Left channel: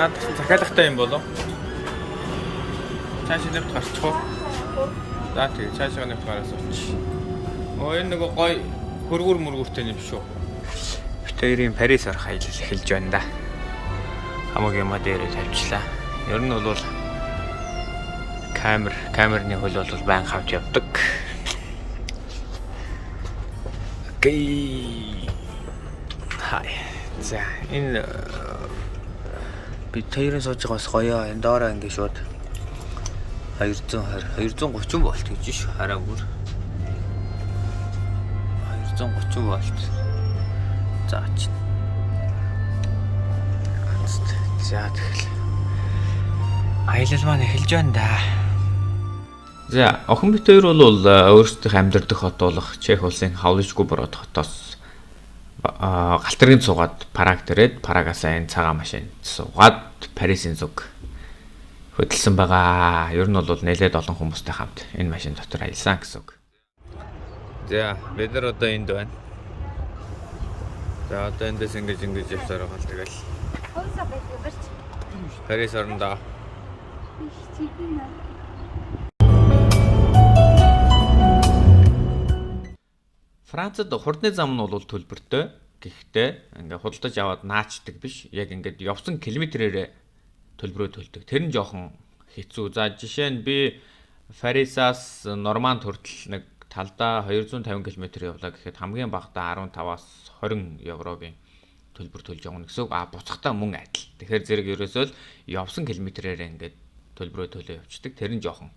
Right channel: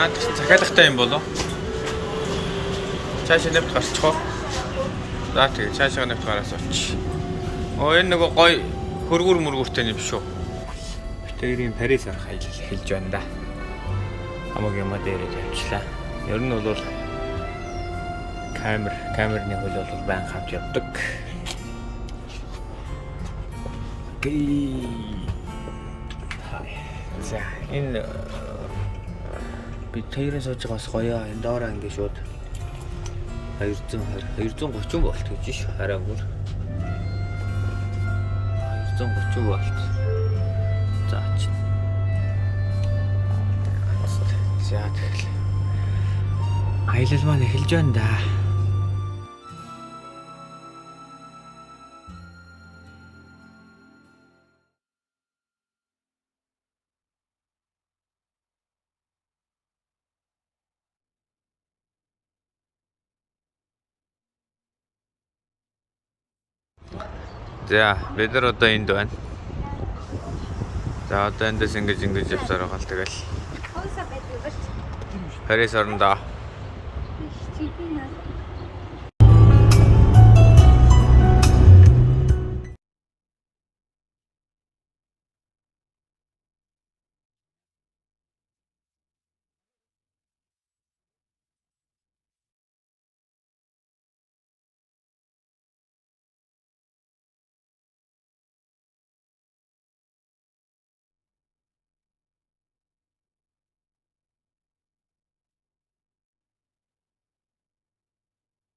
Наадах захиалгатай юм болов. Цаашаа нэвт гарчих уу? За тэгээ цаашаа нэвт гараас оч. Энэ нөгөө гой хөргүр мөргүртэй юм шүү. Битэрийн Парис орох аялал эхэлж байна да. Хамаагийн ма дээрээ тавьчлаа. Ер нь бол камерны хөл бол байн хавж явдаг. Окей. Хай. За энэ би тэрэн сууж байгаа бас гоё. Энэ доороо ингэ шууд 230 вольт гэж шүү. Хараа бүр 230 вольт. За чи. За тэгэл. Аялал маань эхэлж байна да. За охин бит хоёр бол өөрсдийнх амьдардаг хот болох Чех улсын Хавлышгүй бороод хотоос галтэргийн цугаад Праг дээрээд Прагаас энэ цагаан машин суугаад Парисын зүг хөдөлсөн байгаа. Ер нь бол нэлээд олон хүмүүстэй хамт энэ машин дотор аялсан гэсэн үг. За бид нар одоо энд байна. За одоо эндээс ингэж явсаар байгаа л тэгэл. Парис орноо. Францад хурдны зам нь бол төлбөртэй. Гэхдээ ингээ худалдаж аваад наачдаг биш. Яг ингээд явсан километрээр төлбөрөө төлдөг. Тэр нь жоохон хэцүү. За жишээ нь би Парисаас Норманд хүртэл нэг талдаа 250 км явлаа гэхэд хамгийн багадаа 15-аас 20 еврогийн төлбөр төлж явна гэсэн үг. Буцахтаа мөн адил. Тэгэхээр зэрэг ерөөсөө л явсан километрээр ингээд төлбөрөө төлөө явцдаг. Тэр нь жоохон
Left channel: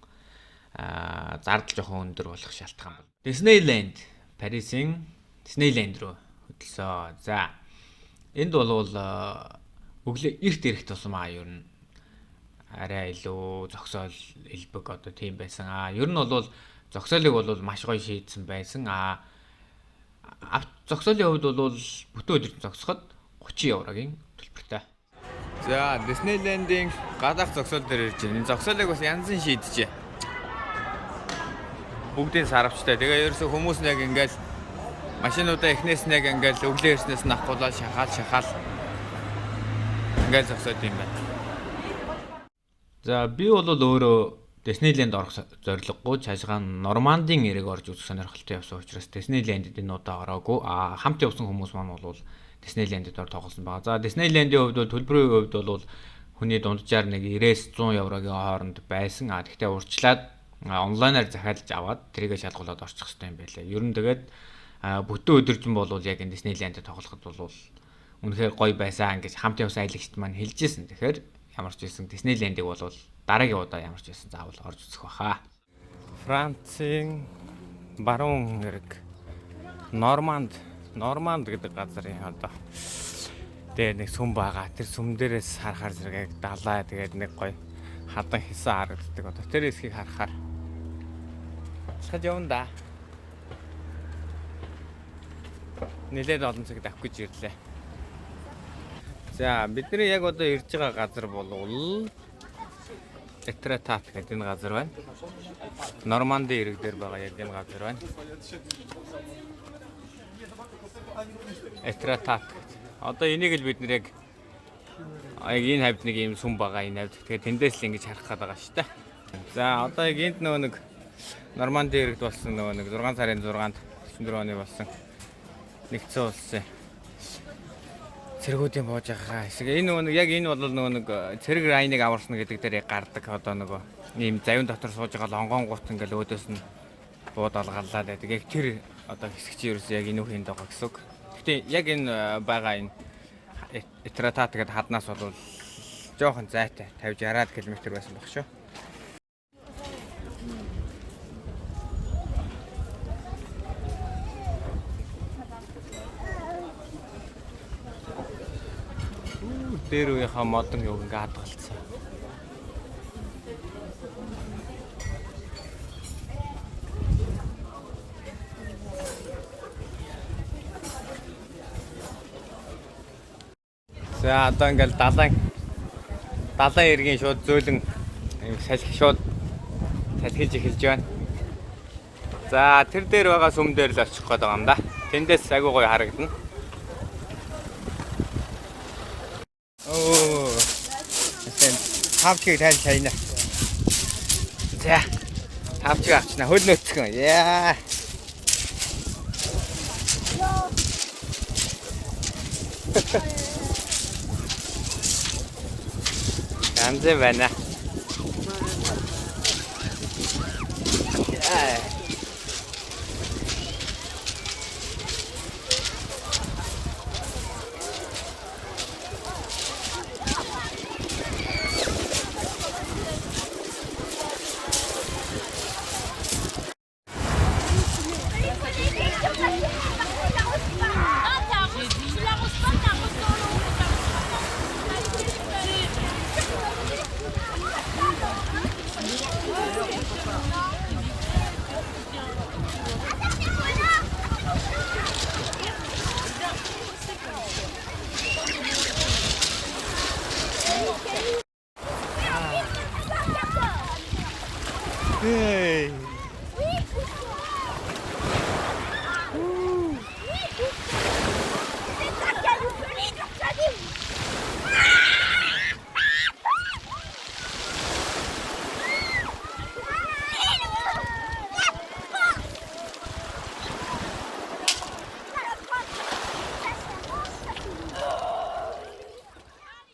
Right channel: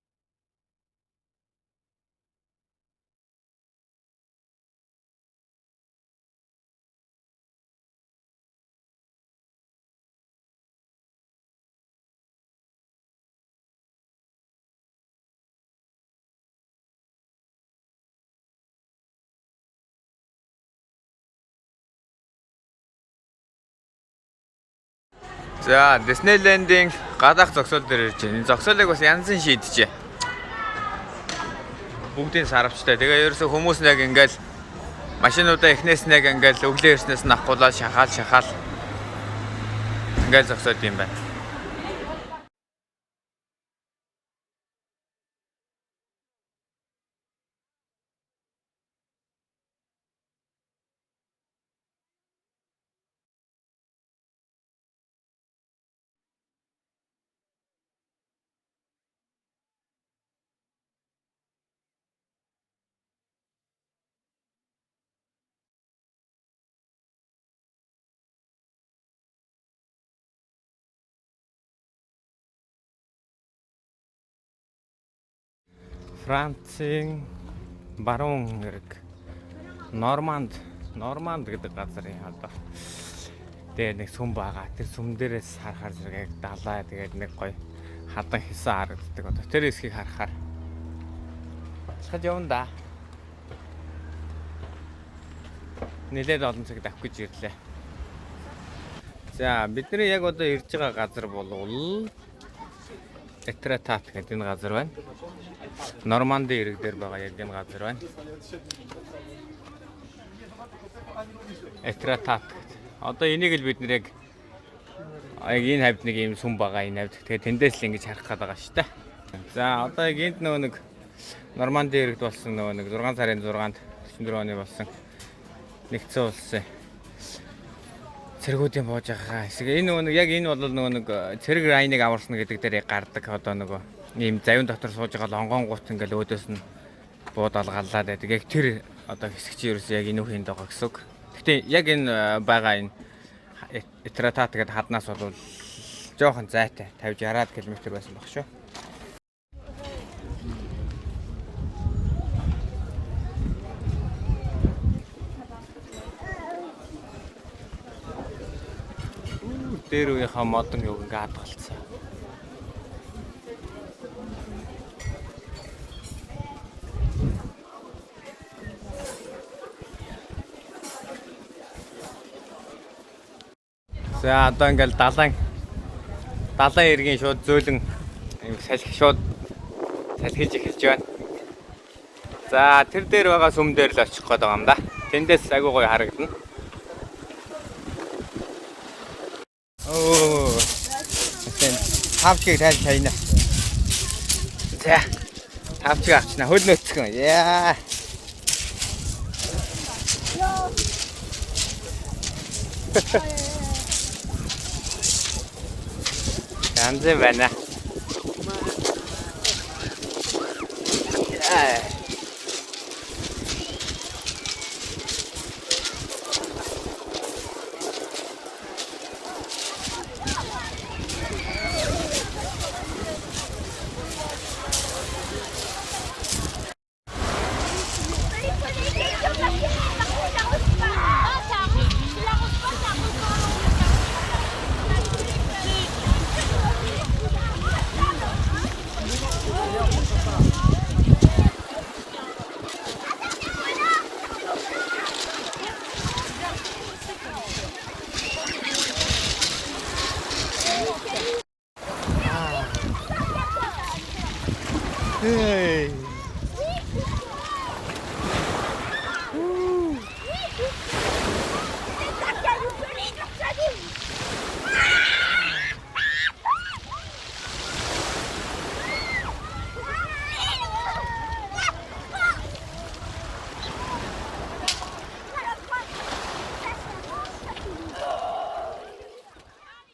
зардал жоохон өндөр болох шалтгаан бол. Disneyland Парисын Disneyland руу хөдөлсөн. За энд бол өглөө эрт ирэх тусмаа ер нь арай илүү зогсоол элбэг одоо тийм байсан. Ер нь бол зогсоолыг бол маш гоё шийдсэн байсан. Зогсоолын хувьд бол бүтэн өдөр зогсоход 30 еврогийн төлбөртэй. За Disneyland-ийн гадаах зогсоол дээр ирж байна. Энэ зогсоолыг бас янзын шийдэжээ. Бүгдийн саравчтай. Тэгээ ерөөсө хүмүүс нэг ингээл машинуудаа эхнээс нэг ингээл өглөө ирснээс нь ахгуулаад шахаал ингээл зогсоод юм байна. За би бол өөрөө Disneyland орох зорилгогүй цаашгаа Нормандын эрэг орж үзэх сонирхолтой явсан учраас Disneyland-д энэ удаа ороогүй. Хамт явсан хүмүүс маань бол Disneyland-д ор тоглосон байгаа. За Disneyland-ийн хувьд бол төлбөрийн хувьд бол хүний дунджаар нэг 90-100 еврогийн хооронд байсан. Гэхдээ урьдчилаад онлайнаар захиалж аваад тэрийгэ шалгуулад орчих хэрэгтэй юм байлаа. Ер нь тэгээд бүтэн өдөржин бол яг энэ Disneyland-д тоглоход бол үнэхээр гоё байсан гэж хамт явсан аялагчд маань хэлжсэн. Тэгэхээр ямар ч байсан Disneyland-ийг бол дараагийн удаа ямар ч байсан заавал орж үзэх баха. Францын баруун эрэг Норманд гэдэг газарын одоо дээр нэг сүм байгаа. Тэр сүм дээрээс харахаар зэрэг далай тэгээд нэг гоё хадан хэсэн харагддаг. Одоо тэр хэсгийг харахаар явна да. Нэлээд олон цаг авах гэж ирлээ. За бидний яг одоо ирж байгаа газар бол Этратат гэдэг энэ газар байна. Нормандын эрэг дээр байгаа яг энэ газар байна. Этратат. Одоо энийг л бид нэр яг энэ хавьд нэг юм сүм байгаа энэ хавьд. Тэгэхээр тэндээс л ингэж харах гээд байгаа шүү дээ. За одоо яг энд нөгөө нэг Нормандын эрэгд болсон нөгөө нэг 6 сарын 6-нд 44 оны болсон нэгдсэн улсын цэргүүдийн бууж байгаа хэсэг. Энэ нөгөө яг энэ бол нөгөө нэг цэрэг райныг аварсна гэдэг дээр гардаг одоо нөгөө ийм завин дотор сууж байгаа лонгонгууд ингээл өөдөөс нь бууд алгаллаад байдаг. Яг тэр одоо хэсэг чи ерөөсөө яг энэ үхэнд байгаа гэсэн үг. Гэтэ яг энэ байгаа энэ Этратат гэдэг хаднаас бол жоохон зайтай 50-60 км байсан баг шүү. дээр үеийнхаа модон юг ингээ хадгалцсан. За одоо ингээл далайн иргэн шууд зөөлөн юм салхи шууд салхиж эхэлж байна. За тэр дээр байгаа сүм дээр л очих гээд байгаа юм да. Тэндээс агүй гоё харагдана. Оо. Эсэн тавчиг тайна. За. Тавчиг авчна хөл нөцгөн. Яа. Ганц байна. Hey.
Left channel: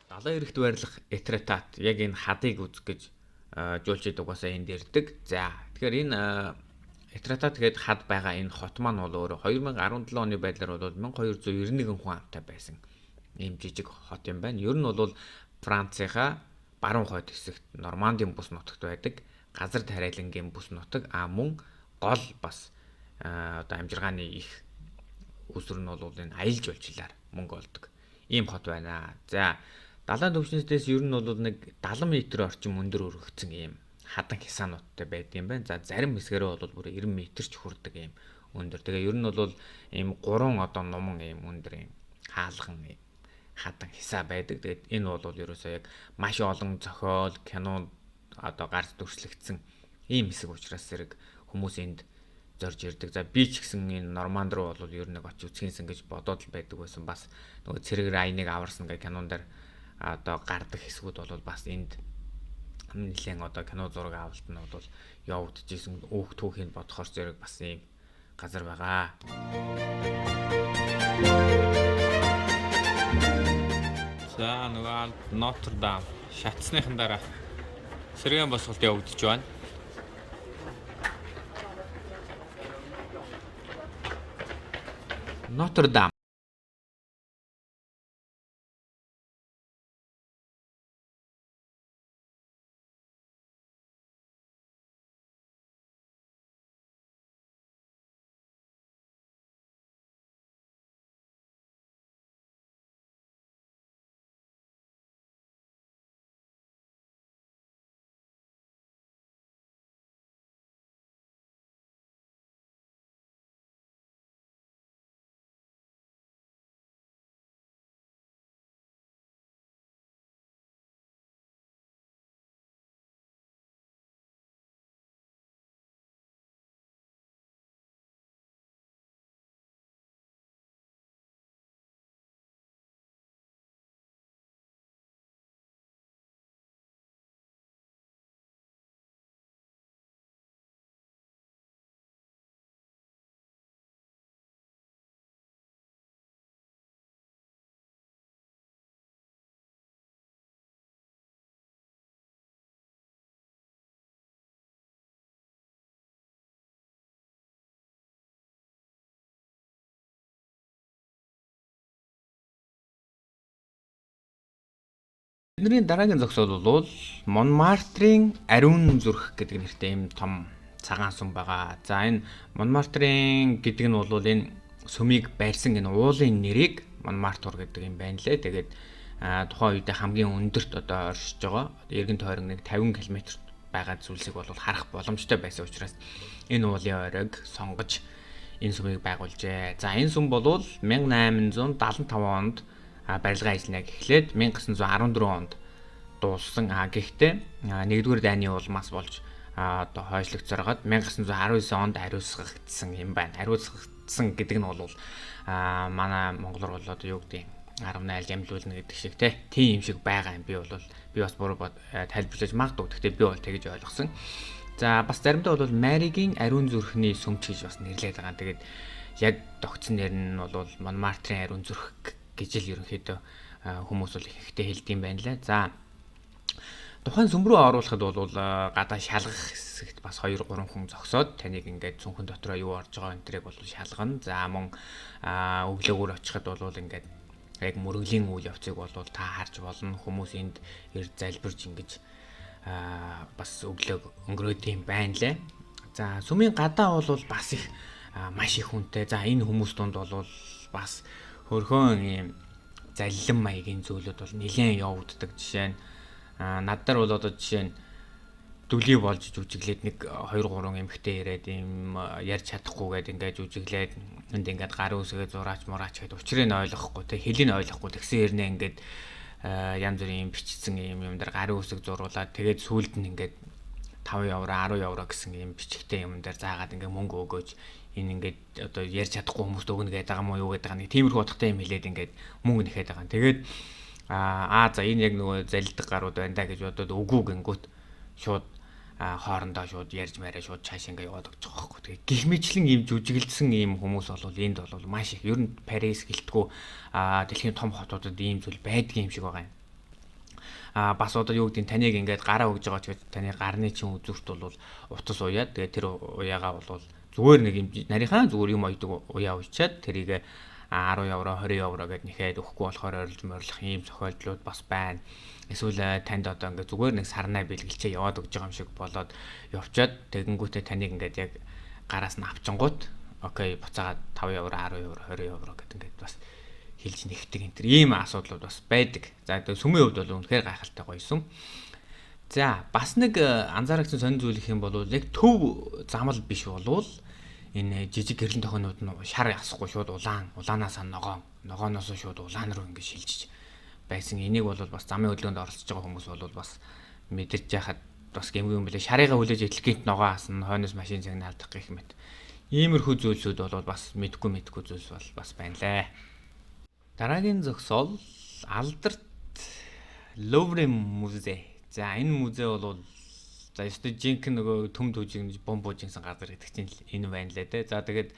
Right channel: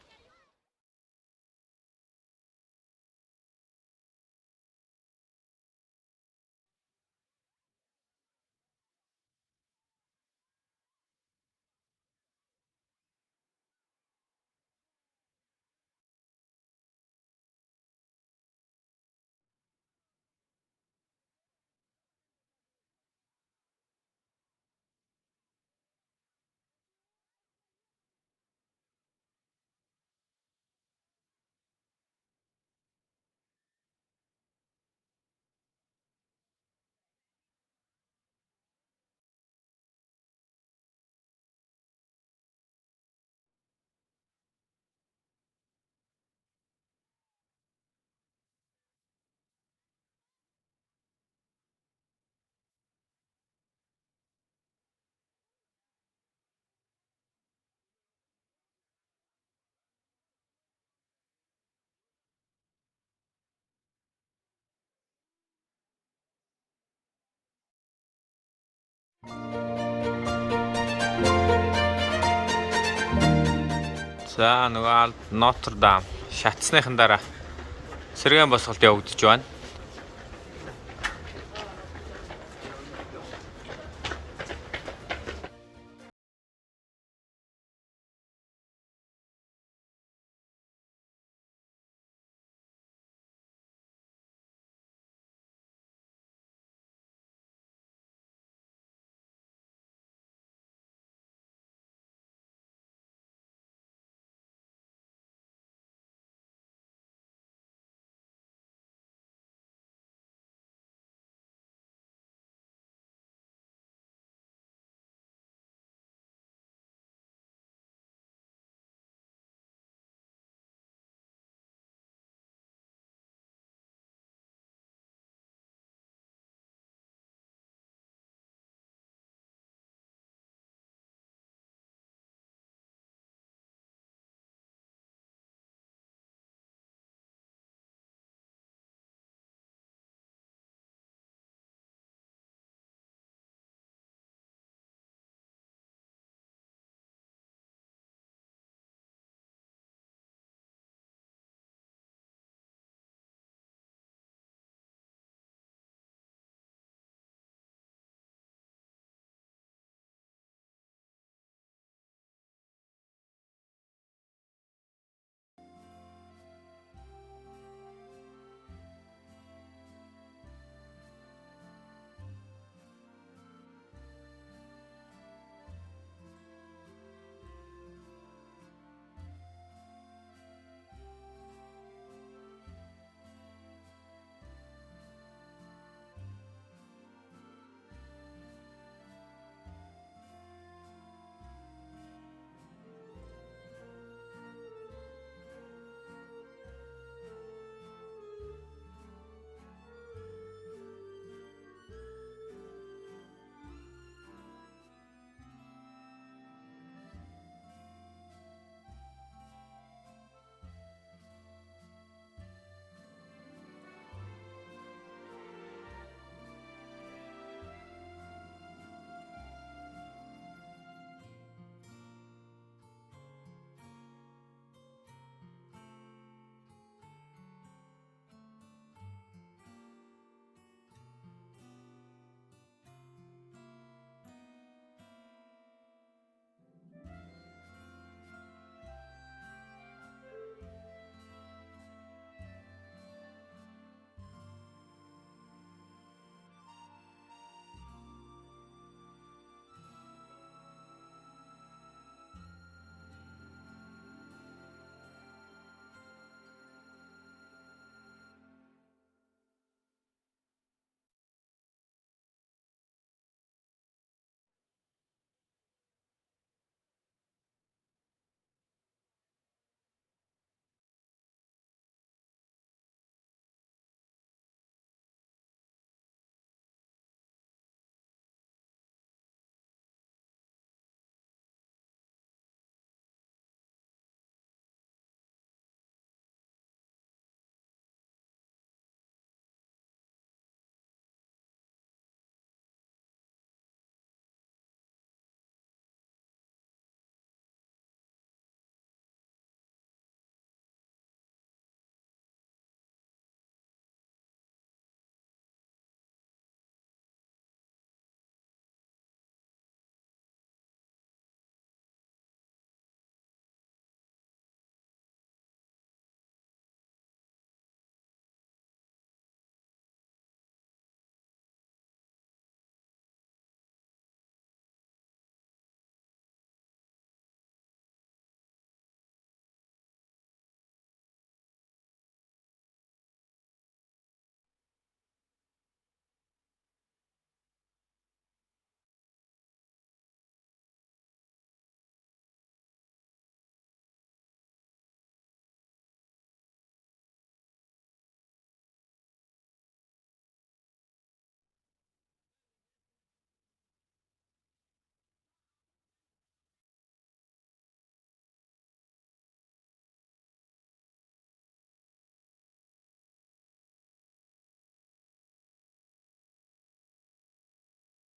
Далайн эрэхт байрлах этретат яг энэ хадыг үзэх гэж жуулчид угаасаа энд ирдэг. За тэгэхээр энэ этретат гээд хад байгаа энэ хот маань бол өөрөө 2017 оны байдлаар бол 1291 хүн амтай байсан ийм жижиг хот юм байна. Ер нь бол Францынхаа баруун хойд хэсэгт Нормандийн бүс нутагт байдаг газар тариалангийн бүс нутаг мөн гол бас одоо амжиргааны их үсвэр нь бол энэ аялал жуулчлалаар мөнгө олдог ийм хот байна. За далайн төвчнөөс ер нь бол нэг 70 м орчим өндөр өргөгдсөн ийм хадан хясаануудтай байдаг юм байна. За зарим хэсгэрээ бол бүр 90 м ч хүрдэг ийм өндөр. Тэгээ ер нь бол ийм 3 одоо нуман ийм өндөр ийм хаалган ийм хадан хясаа байдаг. Тэгээд энэ бол ерөөсөө яг маш олон зохиол, кино одоо гарч дүрслэгдсэн ийм хэсэг учраас зэрэг хүмүүс энд зорж ирдэг. За би ч гэсэн энэ Норманд руу бол ер нь очиж үзхийнсэн гэж бодоод л байдаг байсан. Бас нөгөө цэрэг райныг аварсан гэх кинон дээр одоо гардаг хэсгүүд бол бас энд нэлээд одоо кино зураг авалт нь бол явагдчихсэн өөх түүхийн бодохоор зэрэг бас ийм газар байгаа. За нөгөө Нотр-Дам шатсныхан дараа сэргээн босголт явагдаж байна. Нотр-Дам бидний дараагийн зогсоол бол Монмартрийн ариун зүрх гэдэг нэртэй ийм том цагаан сүм байгаа. За энэ Монмартрийн гэдэг нь бол энэ сүмийг байрсан энэ уулын нэрийг Монмартур гэдэг юм байна лээ. Тэгээд тухайн үедээ хамгийн өндөрт одоо оршиж байгаа. Эргэн тойрон нэг 50 км байгаа зүйлсийг бол харах боломжтой байсан учраас энэ уулын ойрог сонгож энэ сүмийг байгуулжээ. За энэ сүм бол 1875 онд барилгын ажлыг эхлээд 1914 онд дууссан. Гэхдээ нэгдүгээр дайны улмаас болж одоо хойшлогдсороод 1919 онд ариусгагдсан юм байна. Ариусгагдсан гэдэг нь бол манай монголоор бол одоо юу гэдэг 18 ямлуулна гэдэг шиг тийм юм шиг байгаа юм. Би бас буруу тайлбарлаж магадгүй. Гэхдээ би бол тэгж ойлгосон. За бас заримдаа бол Маригийн ариун зүрхний сүмч гэж бас нэрлэдэг байгаа. Тэгээд яг тогтсон нэр нь бол Монмартрын ариун зүрх гэж л ерөнхийдөө хүмүүс бол ихтэй хэлдэг юм байна лээ. За тухайн сүм рүү оруулахад бол гадаа шалгах хэсэгт бас 2-3 хүн зогсоод таныг ингээд цүнхэн дотроо юу орж байгаа энэ төрийг бол шалгана. За мөн өглөөгөр очиход бол ингээд яг мөрөглийн үйл явцыг бол та харж болно. Хүмүүс энд эрд залбирж ингэж бас өглөөг өнгөрөөд юм байна лээ. За сүмийн гадаа бол бас их маш их хүнтэй. За энэ хүмүүс дунд бол бас хөрхөн ийм заллин маягийн зүйлүүд бол нэлээд явагддаг. Жишээ нь надаар бол одоо жишээ нь дүлий болж жүжиглээд нэг 2-3 эмэгтэй ирээд ийм ярьж чадахгүйгээд ингээд жүжиглээд энд ингээд гарын үсгээ зураач мураач гэдэг учрыг нь ойлгохгүй хэлийг нь ойлгохгүй тэгсэн хэрнээ ингээд янз бүрийн бичсэн юм дээр гарын үсэг зуруулаад тэгээд сүүлд нь ингээд 5 евро 10 евро гэсэн ийм бичгтэй юм дээр заагаад ингээд мөнгө өгөөж энэ ингээд одоо ярьж чадахгүй хүмүүст өгнө гэдэг байгаа мó юу гэдэг байгаа нэг тиймэрхүү утгатай юм хэлээд ингээд мөнгө нэхэд байгаа. Тэгээд за энэ яг нөгөө залилдаг гарууд байна да гэж бодоод үгүй гингүүт шууд хоорондоо шууд ярьж мараа шууд цааш ингээ яваад өгч байгаа байхгүй. Тэгээ гих мэтлэн ийм жүжиглсэн ийм хүмүүс бол энд бол маш их. Ер нь Парис гэлтгүү дэлхийн том хотуудад ийм зүйл байдгийн юм шиг байгаа юм. Бас одоо юу гэдэг нь таныг ингээд гараа өгж байгаа ч гэж таны гарны чин үзүүрт бол утас уяад тэгээ тэр уяагаа бол зүгээр нэг юм нарийнхаа зүгээр юм ойдог уяа уучаад тэрийг 10 евро 20 евро гэд нэхэд өгөхгүй болохоор орилж морлох ийм зохиолдлууд бас байна. Эсвэл танд одоо ингээд зүгээр нэг сарнаа бэлгэлчээ яваад өгж байгаа юм шиг болоод явчаад тэгэнгүүтээ таныг ингээд яг гараас нь авчингууд окей буцаагаад 5 евро 10 евро 20 евро гэд ингээд бас хэлж нэгдэг энэ төр ийм асуудлууд бас байдаг. За сүмийн хувьд бол үнэхээр гайхалтай гоё сүм. За бас нэг анзаарахсан сонир зүйл их юм бол яг төв замал биш болвол энэ жижиг гэрлэн тохионууд нь шар ясахгүй шууд улаанаас ногооноос шууд улаан руу ингэ шилжиж байсан. Энийг бол бас замын хөдөлгөөнд оролцож байгаа хүмүүс бол бас мэдэрч яхад бас гэмгүй юм билээ. Шарыгаа хүлээж идэлгийнт ногоо асан хойноос машин загнаалдах гэх мэт. Иймэрхүү зүйлсүүд бол бас мэдгүй зүйлс бол бас байна лээ. Дараагийн зогсоол Алдарт Луврын музей. За энэ музей бол за ёстой жинхэнэ нөгөө төм төжигнж бомбуужинсан газар гэдэг чинь энэ байна лээ те. За тэгээд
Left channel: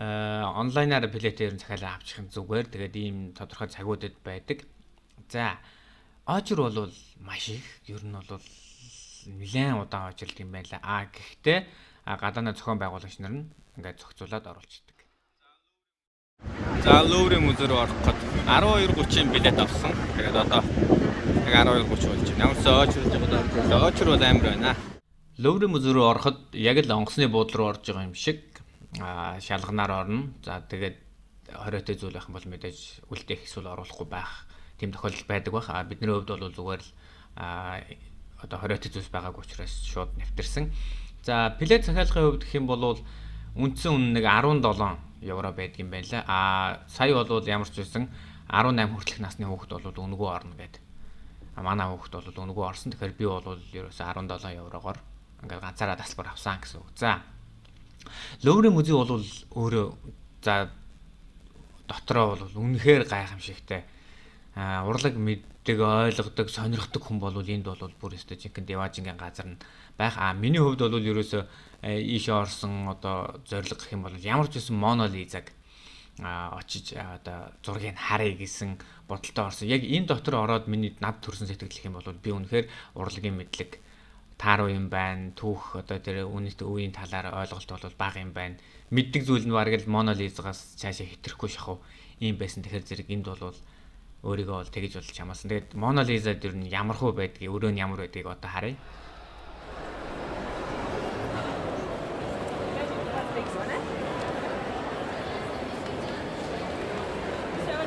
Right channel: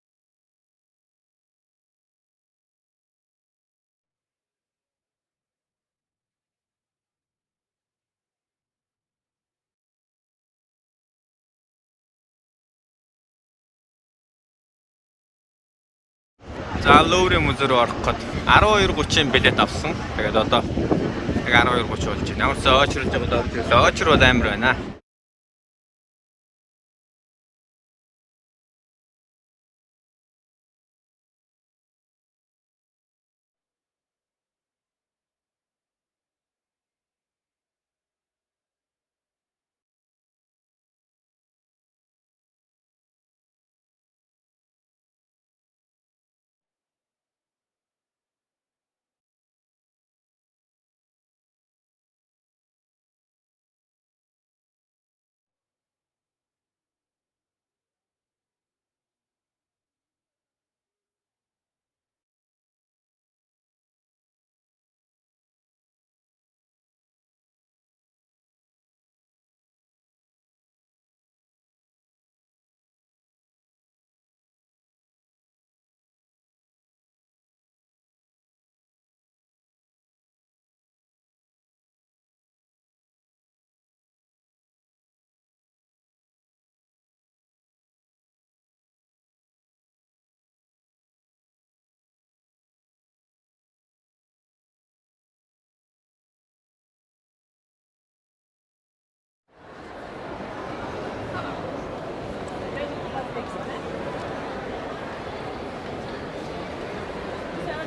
онлайнаар билетээр захиалаа авчих нь зүгээр. Тэгээд ийм тодорхой цагуудад байдаг. За очор бол маш их ер нь бол нэлээд удаан очрлт юм байна лээ. Гэхдээ гадааны зохион байгуулагч нар нь ингээд зохицуулаад оруулчихдаг. За Луврын музей руу орох гээд 12:30-ын билет авсан. Тэгээд одоо яг 12:30 болж байна. Ямар ч очрлж байгаа очр бол амар байна. Луврын музей руу ороход яг л онгоцны буудлын руу орж байгаа юм шиг шалганаар орно. За тэгээд хориотой зүйл байх юм бол мэдээж үлдээх эсвэл оруулахгүй байх тийм тохиолдол байдаг байх. Бидний хувьд бол зүгээр л одоо хориотой зүйлс байгаагүй учраас шууд нэвтэрсэн. За билет захиалгын хувьд гэх юм бол үндсэн үнэ нэг 17 евро байдаг юм байна лээ. Сая бол ямар ч байсан 18 хүртэлх насны хүүхэд бол өнгөө орно гэдэг. Манай хүүхэд бол өнгөө орсон. Тэгэхээр би бол ерөөсөө 17 еврогоор ингээд ганцаараа тасалбар авсан гэсэн үг. За Луврын музей бол өөрөө за дотроо бол үнэхээр гайхамшигтай. Урлаг мэддэг, ойлгодог, сонирхдаг хүн бол энд бол бүр өстой жинхэнэ деважингийн газар нь байх. Миний хувьд бол ерөөсөө ийшээ орсон одоо зориг гэх юм бол ямар ч байсан Моно Лизаг очиж одоо зургийг харъя гэсэн бодолтой орсон. Яг энэ дотор ороод миний над төрсэн сэтгэл гэх юм бол би үнэхээр урлагийн мэдлэг тааруу юм байна. Түүх одоо тэр үеийн талаар ойлголт бол бага юм байна. Мэддэг зүйл нь бараг л Моно Лизагаас цаашаа хэтрэхгүй шахав ийм байсан. Тэгэхээр зэрэг энд бол өөрийгөө бол тэгж болж хамаасан. Тэгээд Моно Лиза дэр нь ямархуу байдгийг, өрөө нь ямар байдгийг одоо харъя.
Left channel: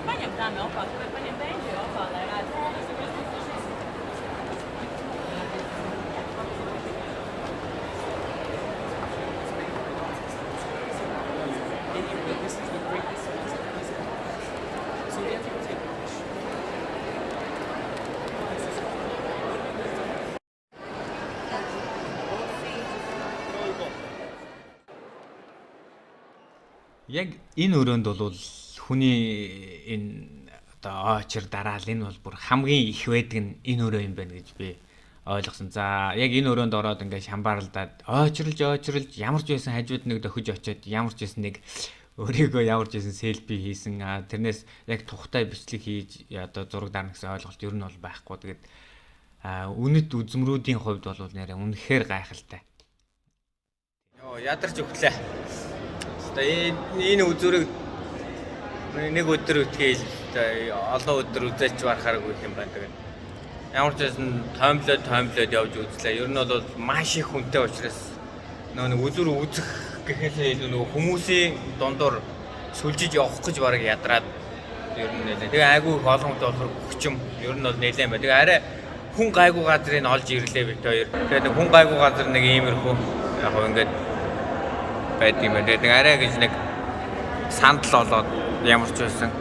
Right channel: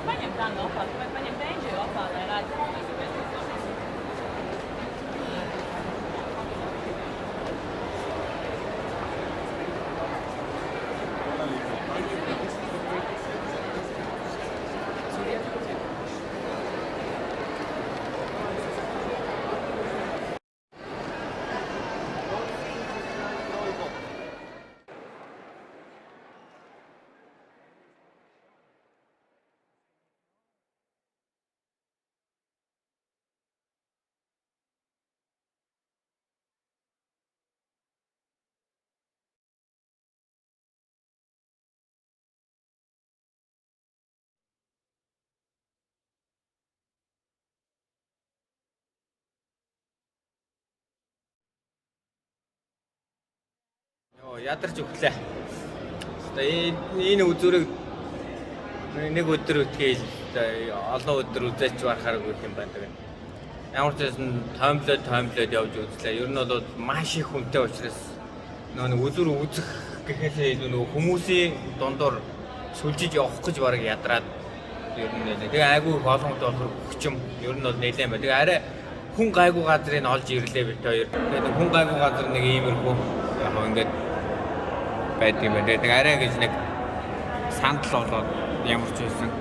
España dame ofa, España będzie ofa, ale raczej. Яг энэ өрөөнд бол хүний энэ одоо очир дараал энэ бол бүр хамгийн их байдаг нь энэ өрөө юм байна гэж би ойлгосон. За яг энэ өрөөнд ороод ингээд шамбаарлаад очирлж ямар ч байсан хажууд нэг дохиж очиод ямар ч байсан нэг өөрийгөө ямар ч байсан селфи хийсэн. Тэрнээс яг тухтай бичлэг хийж одоо зураг дарна гэсэн ойлголт ер нь бол байхгүй. Тэгээд үнэт үзмрүүдийн хувьд бол нэрээ үнэхээр гайхалтай. Йоо ядарч өглөө. Одоо энэ үзүүрийг нэг өдөр үтгээл олон өдөр үзэж барахааргүй юм байна. Тэгээд ямар ч байсан тоомлоод явж үзлээ. Ер нь бол маш их хүнтэй учраас нэг үзүүр үзэх гэхээсээ илүү нөгөө хүмүүсийн дундуур сүлжиж явах гэж бараг ядраад ер нь нэлээ. Тэгээ айгүй их олон хүнтэй болохоор хүчим ер нь бол нэлээд байна. Тэгээ арай хүн гайгүй газрыг олж ирлээ бит хоёр. Тэгээ нэг хүн гайгүй газар нэг иймэрхүү яг ингээд байдаг юм байна. Тэгээ арай гэж нэг сандал болоод ямар ч байсан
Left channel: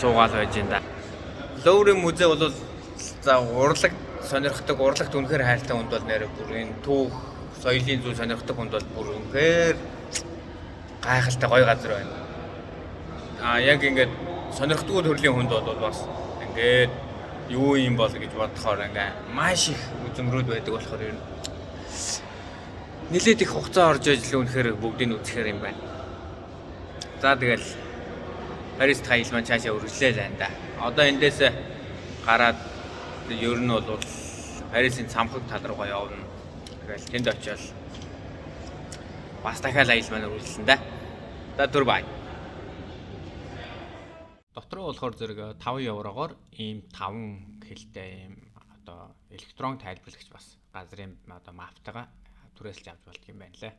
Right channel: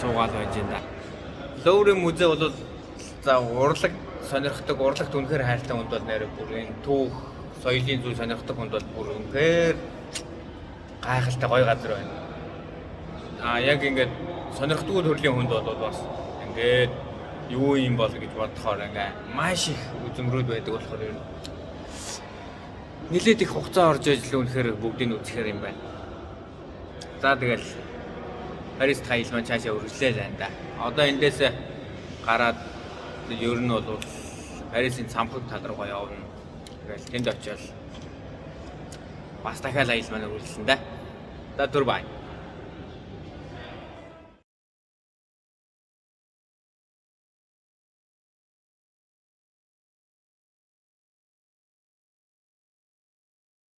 суугаал байж энэ. Лоурийн музей бол за урлаг сонирхдаг, урлагт үнэхээр хайртай хүнд бол нэрээ бүр энэ түүх, соёлын зүйл сонирхдаг хүнд бол бүр үнэхээр гайхалтай гоё газар байна. Яг ингээд сонирхдаггүй төрлийн хүнд бол бас ингээд юу юм бол гэж бодохоор ингээ маш их үзмрүүд байдаг болохоор ер нь нэлээд их хугацаа орж ижил үнэхээр бүгдийг үзэхээр юм байна. За тэгэл Парис тайл маань цаашаа үргэлжлэе л энэ. Одоо эндээс гараад ер нь бол Парисын цамхаг тал руугаа явна. Тэгэл тэнд очиод бас дахиад аялал маань үргэлжлэн да. За түр бай. Дотроо болохоор зэрэг 5 еврогоор ийм 5 хэлтэй ийм одоо электрон тайлбарлагч бас газрын одоо маптайгаа түрээсэлж авч болдго юм байна лээ.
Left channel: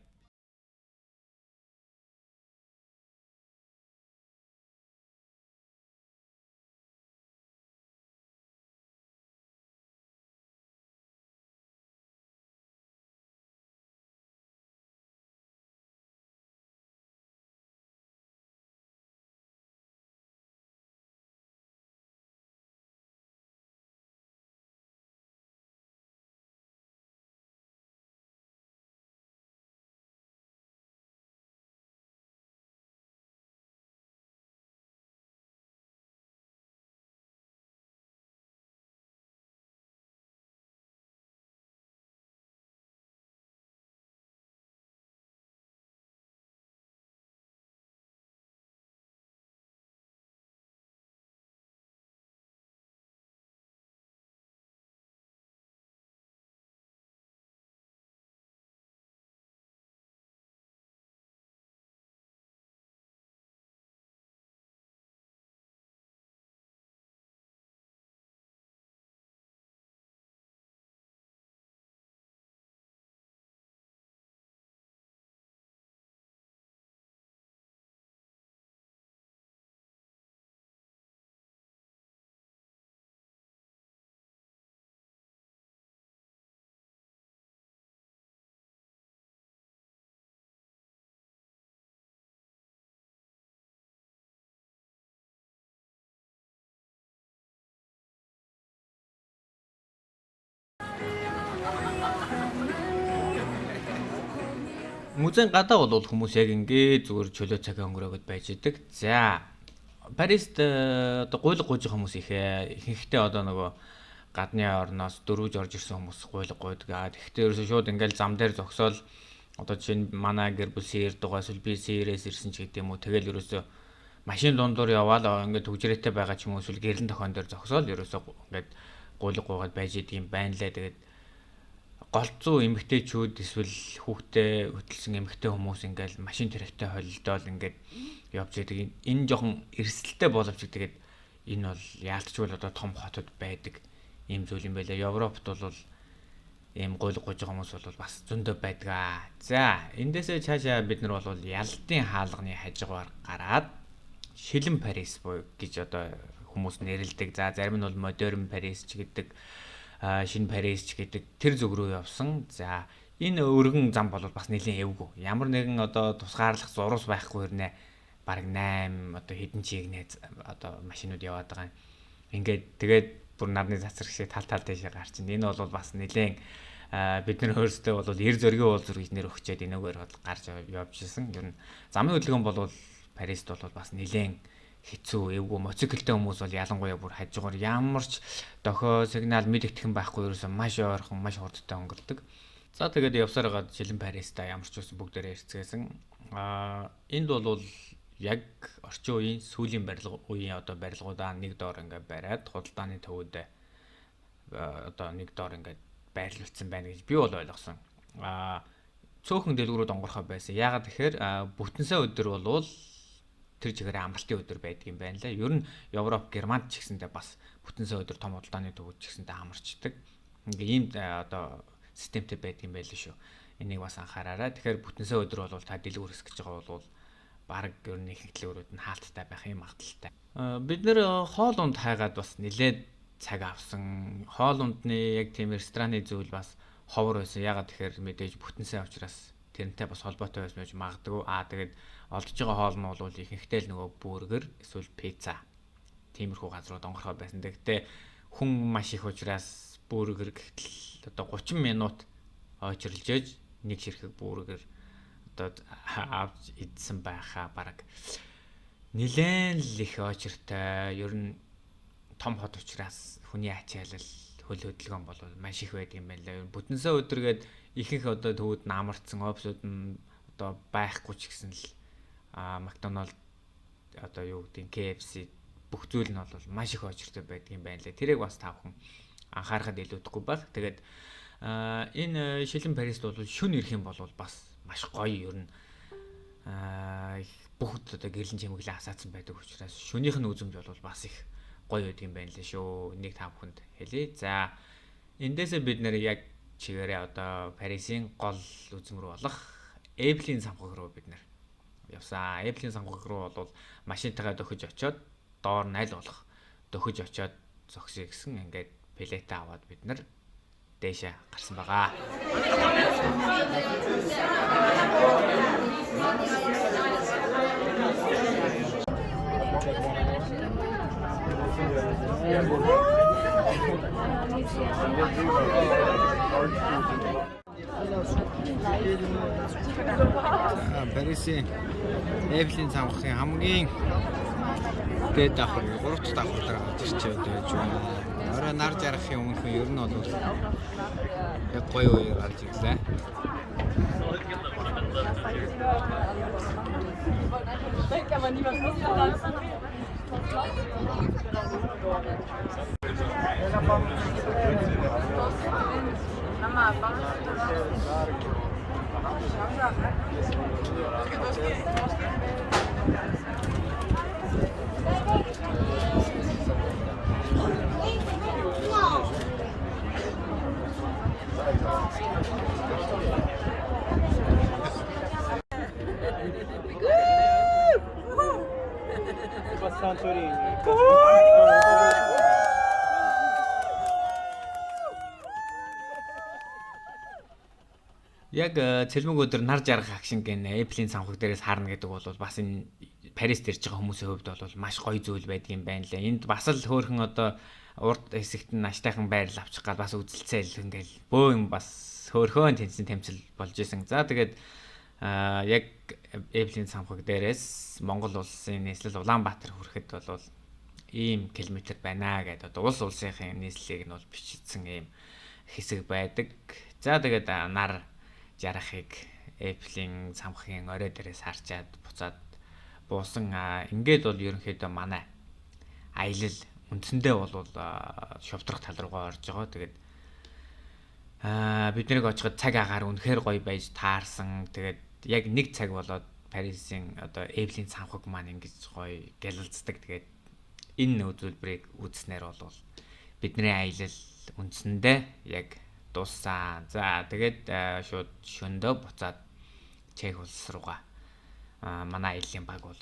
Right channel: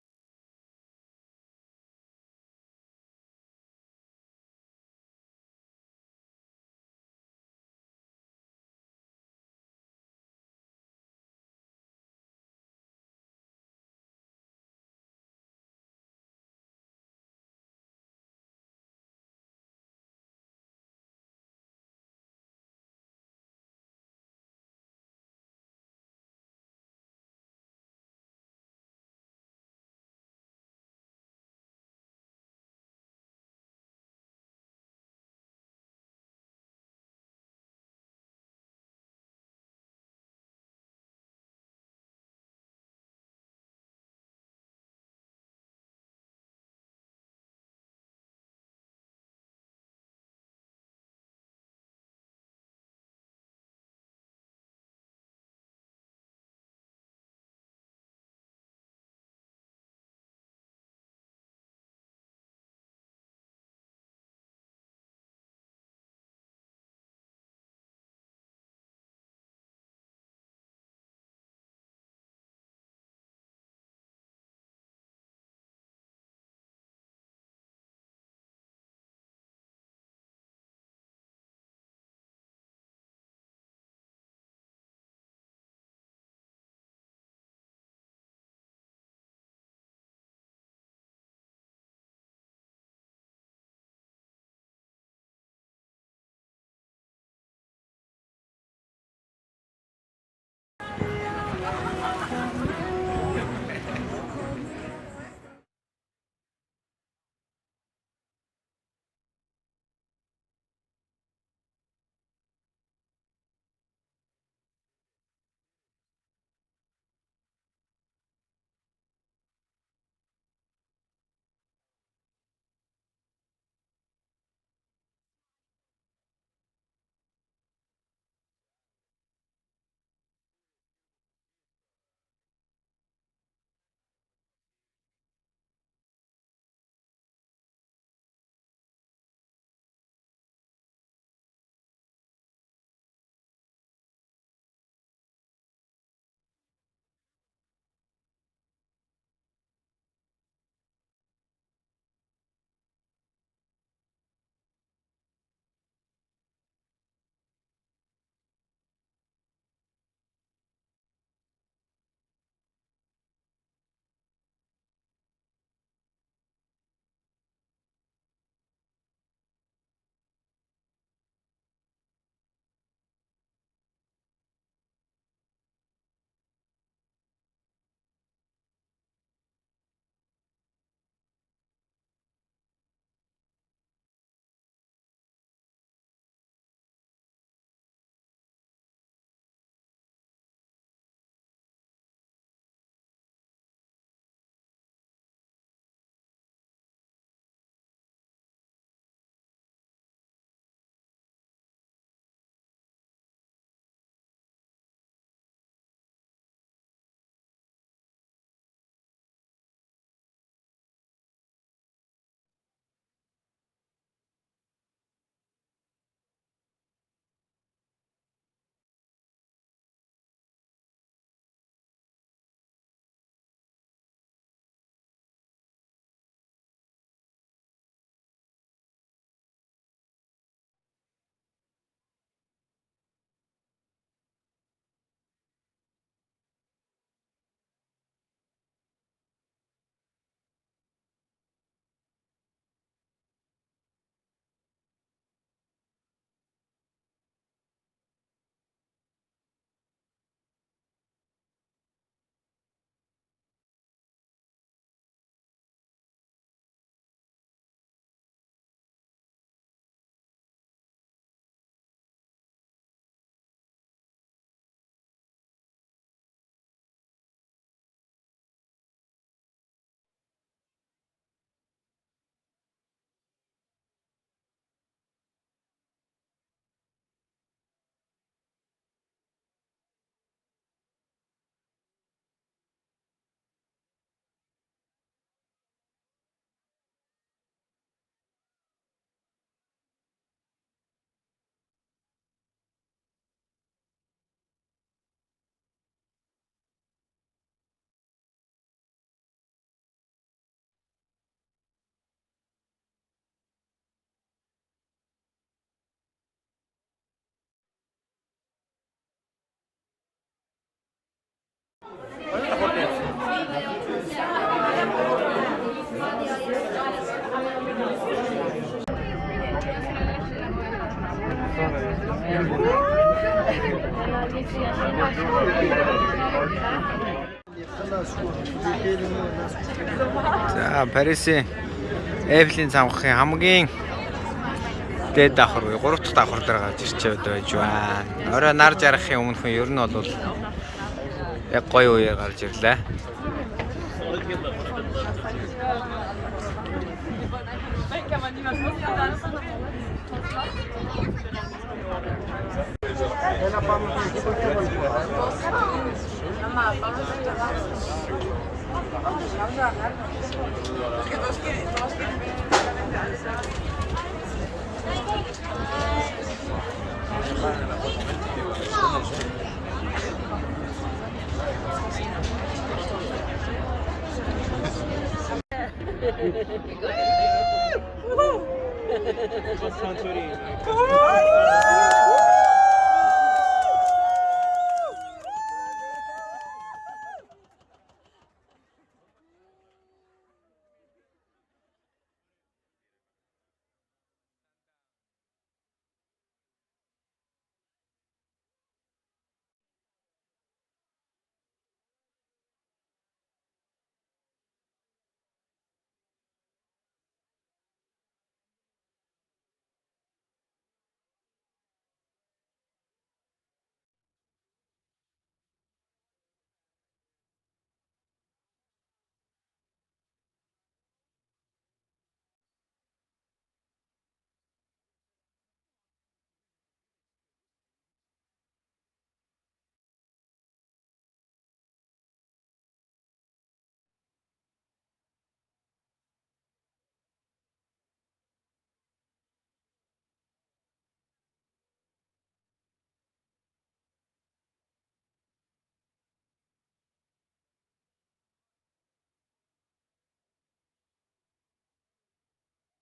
Музейн гадаа бол хүмүүс яг ингээд зүгээр чөлөө цагаа өнгөрөөгд байж идэг. За Парист одоо гуйлга гуйж хүмүүс ихэнхдээ одоо нөгөө гадны орноос дөрвөж орж ирсэн хүмүүс гуйлга гуйдаг. Тэгэхдээ ерөөсөө шууд ингээд зам дээр зогсоол одоо жишээ нь манай гэр бүл сээр дугаас үл би сээрээс ирсэн ч гэдэг юм уу. Тэгэл ерөөсөө машин дундуур яваал ингээд төгжрээтэй байгаа ч юм уу эсвэл гэрэн тохион дээр зогсоол ерөөсөө ингээд гуйлга гуйгаад байж идэг юм байна лээ. Тэгээд голцоо эмгтээчүүд эсвэл хүүхдээ хөтөлсөн эмгтээ хүмүүс ингээл машин тэрэгтэй холилдоол ингээд явж идэг. Энэ жоохон эрсдэлтэй боловч тэгээд энэ бол яалтчгүй одоо том хотод байдаг ийм зүйл юм байлаа. Европт бол ийм гуйлга гуйж байгаа хүмүүс бол бас зөндөө байдаг. За эндээсээ цаашаа бид нар бол ялалтын хаалганы хажуугаар гараад шилэн Парис гэж одоо хүмүүс нэрлэдэг. За зарим нь бол модерн Парис ч гэдэг, шинэ Парис ч гэдэг тэр зүг рүү явсан. За энэ өргөн зам бол бас нэлийн эвгүй. Ямар нэгэн одоо тусгаарлах зурус байхгүй хэрнээ бараг 8 одоо хэдэн чигнээ одоо машинууд яваад байгаа юм. Ингээд тэгээд бүр нарны цацраг шиг тал дэшээ гарч ин. Энэ бол бас нэлийн бид нар өөрсдөө бол эр зөргийн уул зургийг нэр өгчээд энэгээр бол гарч явж ирсэн. Ер нь замын хөдөлгөөн бол Парист бол бас нэлийн хэцүү эвгүй моциклтэй хүмүүс бол ялангуяа бүр хажуугаар ямар ч дохио сигнал мэдэгдэхэн байхгүй ерөөсөө маш ойрхон маш хурдтай өнгөрдөг. За тэгээд явсаар гад шилэн Париста ямар ч үсэн бүгдээрээ ирцгээсэн. Энд бол яг орчин үеийн сүүлийн үеийн одоо барилгуудаа нэг доор ингээд бариад худалдааны төвөд одоо нэг доор ингээд байрлуулсан байна гэж би бол ойлгосон. Цөөхөн дэлгүүрүүд онгорхоо байсан. Яагаад тэгэхээр бүтэнсэ өдөр бол тэр чигээр амралтын өдөр байдаг юм байна лээ. Ер нь Европ, Германд ч гэсэндээ бас бүтэнсэ өдөр том худалдааны төвүүд ч гэсэндээ амарчдаг. Ингээ ийм одоо системтэй байдаг юм байл шүү. Энийг бас анхаараарай. Тэгэхээр бүтэнсэ өдөр бол та дэлгүүр хэсгэж байгаа бол баг ер нь их дэлгүүрүүд нь хаалттай байх юм магадaltaй. Бид нэр хоол унд хайгаад бас нэлээд цаг авсан. Хоол ундны яг тийм рестораны зүйл бас ховор байсан. Ягаад тэгэхээр мэдээж бүтэнсэ учраас тэрнтэй бас холбоотой байсан гэж магадгүй. Тэгээд олдож байгаа хоол нь бол ихэнхдээ л нөгөө бүргэр эсвэл пицца. Тиймэрхүү газрууд онгорхоо байсан. Гэхдээ хүн маш их учраас бүргэр гэтэл одоо 30 минут ойчрлж ээж нэг ширхэг бүргэр одоо авч идсэн байхаа бараг нилээн л их ойчртай. Ер нь том хот учраас хүний ачаалал хөл хөдөлгөөн бол маш их байдаг юм байна лээ. Бүтэнсэ өдргээд ихэнх одоо төвүүд намарцсан офисууд нь одоо байхгүй ч гэсэн л Макдоналд одоо юу гэдэг KFC бүх зүйл нь бол маш их очиртой байдаг юм байна лээ. Тэрийг бас та бүхэн анхаарахад илүүдэхгүй байх. Тэгээд энэ шилэн Парист бол шүн ирэх юм бол бас маш гоё ер нь бүгд одоо гэрлэн чимэглээ асаацсан байдаг учраас шөнийх нь үзэмж бол бас их гоё байдаг юм байна лээ шүү. Энийг та бүхэнд хэлье. За эндээсээ бид нэр яг чигээрээ одоо Парисын гол үзэм рүү болох Эйфелийн самхаг руу бид нэр явсан. Эйфелийн самхаг руу бол машинтайгаа дөхөж очиод доор нь аль болох дөхөж очиод зогсъё гэсэн ингээд плетэ аваад бид нар дээшээ гарсан байгаа. За Парисын Эйфелийн самхагын хамгийн дээд давхар уу 3 дахь давхар дээр гарч ирчээд байж байна. Орой нар жаргахын өмнөхөн ер нь бол яг гоё үеэр гарч ирлээ. Яг цэлмэг өдөр нар жаргах акшн гэн Эйфелийн самхаг дээрээс харна гэдэг бол бас энэ Парист ирж байгаа хүмүүсийн хувьд бол маш гоё зүйл байдаг юм байна лээ. Энд бас л хөөрхөн одоо урд хэсэгт нь аштайхан байрал авчих гал бас үзэлцээл ингээл бөө юм бас хөөрхөн тэнцэн тэмцэл болж исэн. За тэгээд яг Эйфелийн самхаг дээрээс Монгол улсын нийслэл Улаанбаатар хүрэхэд бол ийм километр байна гэдэг одоо улс улсынхын нийслэлийг нь бол бичсэн ийм хэсэг байдаг. За тэгээд нар жарахыг Эйфелийн самхагийн орой дээрээс харчаад буцаад буусан. Ингээд бол ерөнхийдөө манай аялал үндсэндээ бол шовдрох тал руугаа орж байгаа. Тэгээд бид нарыг очиход цаг агаар үнэхээр гоё байж таарсан. Тэгээд яг нэг цаг болоод Парисын одоо Эйфелийн самхаг маань ингэж гоё гялалцдаг. Тэгээд энэ үзүүлбэрийг үзснээр бол бидний аялал үндсэндээ яг дууссан. За тэгээд шууд шөндөө буцаад Чех улс руугаа манай аяллийн баг бол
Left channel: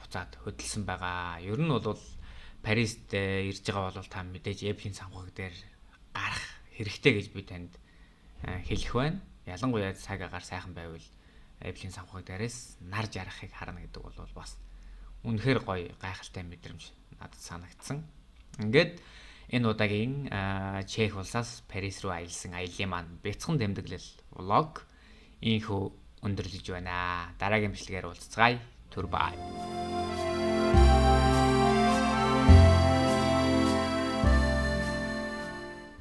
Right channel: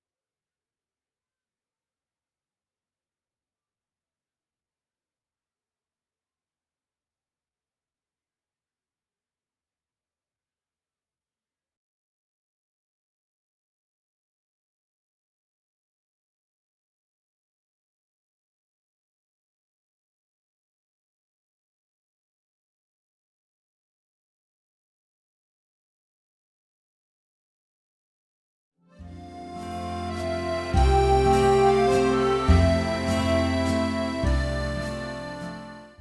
буцаад хөдөлсөн байгаа. Ер нь бол Парист ирж байгаа бол та мэдээж Эйфелийн самхаг дээр гарах хэрэгтэй гэж би танд хэлэх байна. Ялангуяа цаг агаар сайхан байвал Эйфелийн самхаг дээрээс нар жарахыг харна гэдэг бол бас үнэхээр гоё гайхалтай мэдрэмж надад санагдсан. Ингээд энэ удаагийн Чех улсаас Парис руу аялсан аяллаа маань бяцхан тэмдэглэл влог инхүү өндөрлөж байна. Дараагийн бичлэгээр уулзцгаая. Түр бай.